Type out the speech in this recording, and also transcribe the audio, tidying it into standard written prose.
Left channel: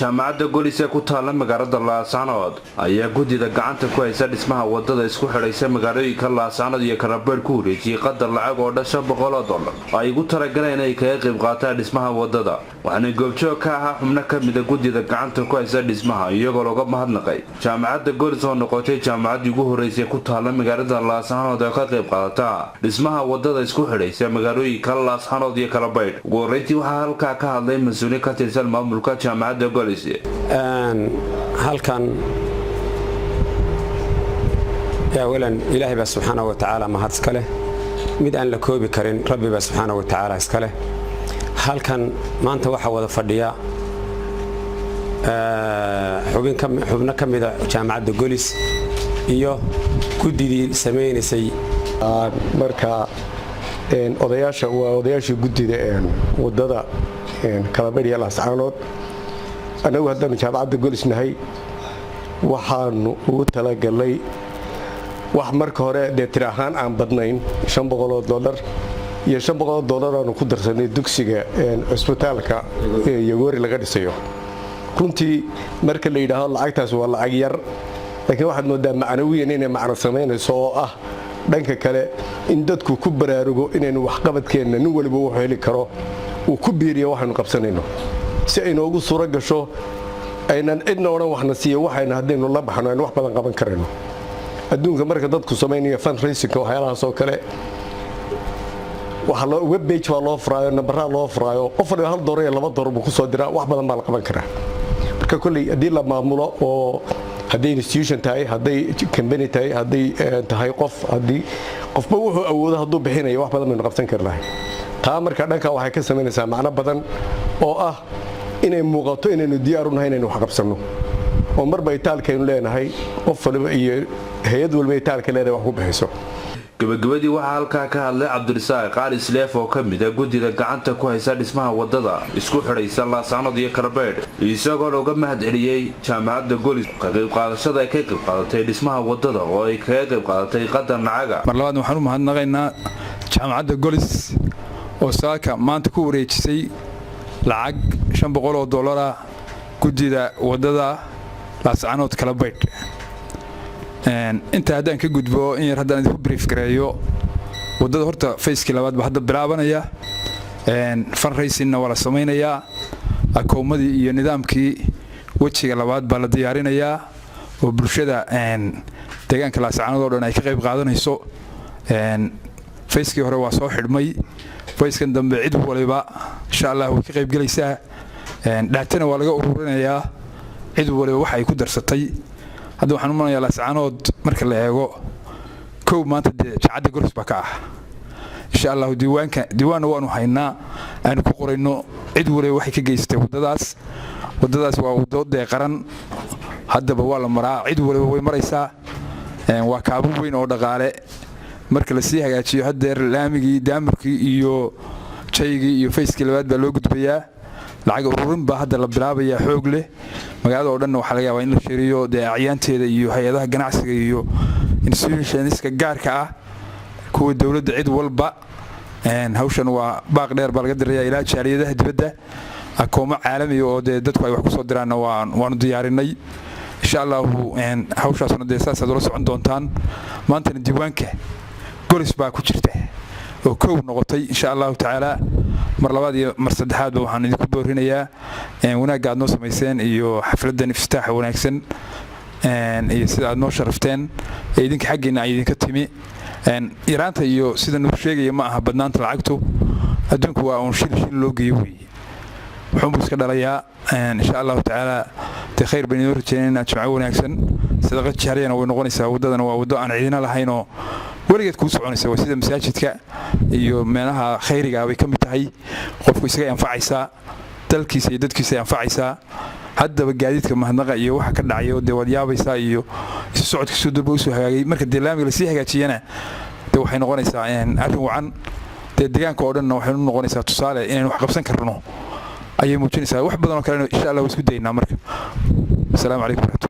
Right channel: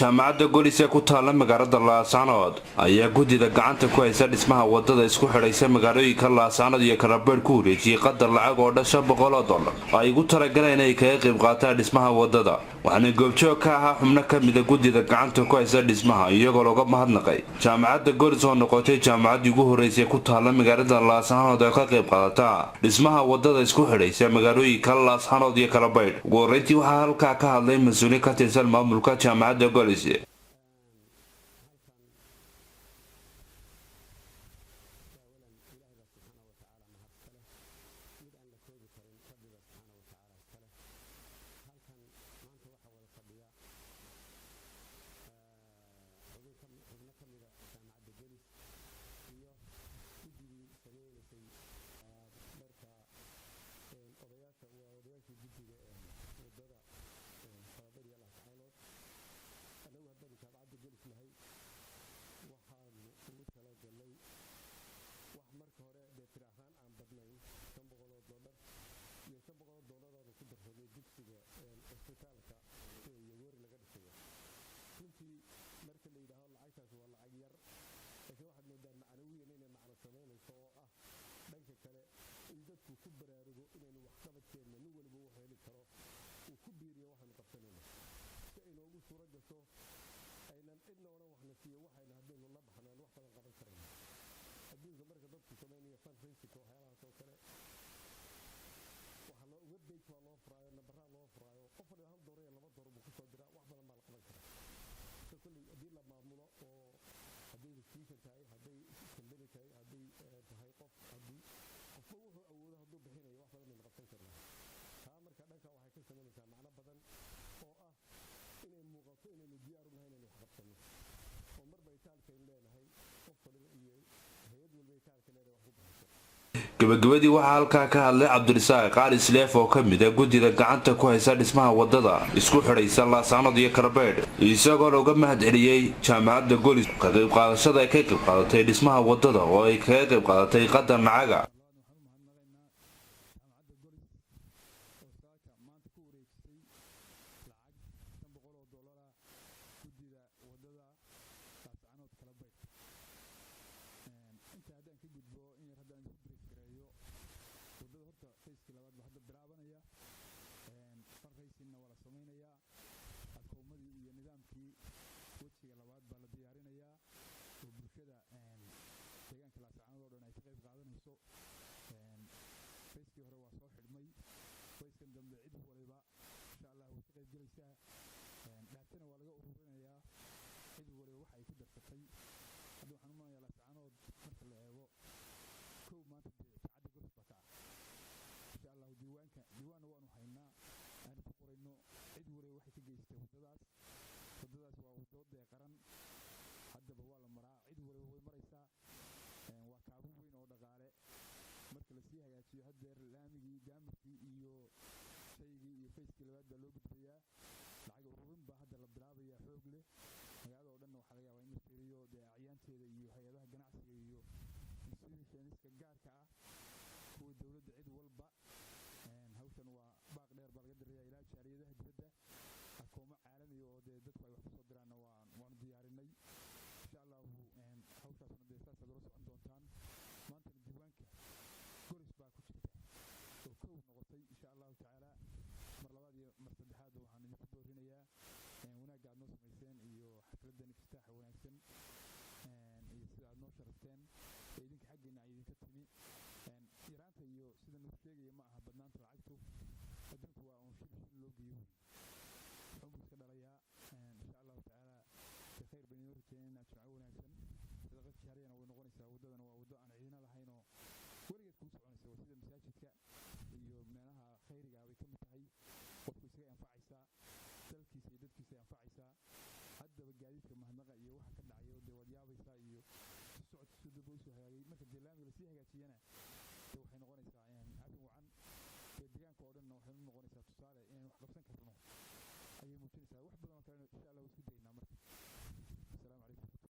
jaamacadda Golis ee ku taala magaalada Laascaanood ayaa gudida gacanta ku haysa dhismaha wadada isku xidhaysa magaalooyinka Laascaanood iyo Karabeer ku wareejiyay qadar lacag oo dhasha $100 ay ugu talagaleen inay kaga qayb qaataan dhismaha wadada waxaana goobjoog ka ahaa xubno ka mid ah gudida gacanta ku haysa dhismaha iyagoo looga mahadnaqay jaamacadda Golis oo noqotay jaamacaddii ugu horeysay ku taala magaalada Laascaanood ee ka qayb qaadata dhismaha wadada isku xidhaysa magaalooyinka Laascaanood iyo Karabeer ugu horeyntii waxaa halkaa ka hadlay mas'uul ka tirsan maamulka jaamacadda Golis halkan يا ولن إلهي بس سبحانه وتعالى ما هاد سكله مد أن لكوبي كرين ربي بس سبحانه وتعالى سكله هل كان ما أنت واحد وذا فرديا حبنا كم إذا جامعة Golis إياه كودي سمين سي مركا إن أضياش كودي إن وضدا إن Karabeer Laascaanood أنا وهذا من جامعة Golis نهاي waxaan ugu talagalay wax marka hore deetir ahaan aan badnayn $500 iyo $500 aan ku darsanay dugsiga isbitaalka Yagoori laga dhisayo runtii marka la yiraahdo lacagtaas waa lacag yar laakiin waxaad moodaa macnawiyan inay macna sameynayso oo ah dhanka kale in dadku ku baraarugo inaynu wax qabadkeena nin waliba uu heli karo uu ku biiriyo waxaanu qabsanayno si ay noogu suura gasho aynan cidna oran waxna siiyo waxayna hadaynu la baxno in wax badan qaban karayno adduunka marka dadku sameynaya fundraising waxyaalahaas oo kale waxa loo web page waa loo furaayo number loo furaayo qof walba $1 iyo $2 buu ku soo diraa wax badan baa la qaban karaa marka kulli hadii la maamulo oo hadii institution tahay hadii company tahay hadii tahay qof hadii qofba wuxuu awoodo haduu bixinayo wax badan baynu qabsan karnaa taa marka dhanka waxay ka sameynaysaa macna badan oo ah inay muuqato inaynu diyaar u nahay inaynu wax qabsano oo marba itaalkaynu leenahay qof walba iyo hay'ad walba itaalka leedahay wax ku bixiso gabagabadii waxaa halkaa ka hadlay Cabdirasaaq Qaali Sleef oo ka mid ah gudida gacanta ku haysa dhismaha wadada isku xidhaysa Laascaanood iyo Karabeer isagoo looga mahadceliyay jaamacadda Golis ka qayb qaadashada ay ka qayb qaadatay dhismaha wadada oo ay ka qayb qaadatay qadar lacag mar labaad waxaan u mahadnaqaynaa jaamacadda Golis oo saaka maanta ku wareejisay lacag $500 gudida wadada Laascaanood Karabeer inta haddaan ka gudbo in yar haddaan idinku brief gareeyo wadada horta facekii labaad ba hadda bilaabanaya fundraising wala sameynaya akoomadii iyo nidaamkii wajiga labaad baa la diyaarinayaa oo bulshada deegaanka Laascaanood oo dhan ay ka qayb qaadanayso facekii hore waa soo xidhmay facekan dambe cid waliba insha Allah way ka qayb galaysaa dhaatana waa laga ururinayaa cid waliba wax ay ku darsatay hadda waxaan u manayaa Laascaanood marka la eego koow maanta jaamacadda Golis baa ka ah insha Allah diiwaan waanu haynaa aan ku qorayno cid waliba waxay ka geystay wadadaas waa wadada qaran haddaba waa la maraa cid waliba way maraysaa waa kaabo weyn oo dhaqaale marka la sii hagaajiyo hadeer laamigii daamarkii iyo jaygii iyo facekii labaad baa loo gudbayaa lacag ururin baa hadda la bilaabaya xoog leh magaalada oo dhan waxa laga yaabaa in la shiriyo deecayaanteeda iyo hay'adaha ganacsiga iyo institutionska gaarka ah kuwa dawladda cid walba hawshan waa baaq dheer baa laga dirayaa ilaa jaaliyadaha dibadda akoomo caalami oo dadku ay wax ku soo diraan waanu diyaarinay insha Allah hawshaasna deesaas aad la socon doontaan maanta diiwaanka Golis baa ku jirta oo koow noqotay insha Allah taala mar labaad iyo mar saddexaad waxaan idinku doorinayaa wanaag aad noo sameyseen iyo xafladan iftitaax wanaagsan iyo sida aad noo sharafteen idinka xageena ay idinka timi Iraanta iyo sida noo sheegay ma aha badnaanta lacagtu adduunku waa un shil loo geeyo wuxuu iska dhalayaa insha Allah taala khayr bani urjeenna jimco wanaagsan sadaqa jaariyana way noqonaysaa wadadana waa wado aan ciidina lahayn oo waligeed ku soconaysa sida masaajidka iyo meelaha khayriga way kamid tahay qofku isaga anfacaysa dalkiisa iyo dadkiisa anfacaysa haddaba gaadiidka mahadnaqa iyo waxa ka dhacayo wad yaabaysa iyo socodka soo durba soo hagaagay marka deelaamiga la sii hagaajiyana waxay noqonaysaa arrin wacan deegaanka oo dhan waxay noqonaysaa tusaale inaan wax qabsan karno ayay muujinaysaa wax badan oo kale insha Allah isku daynaa marka assalaamu calaykum.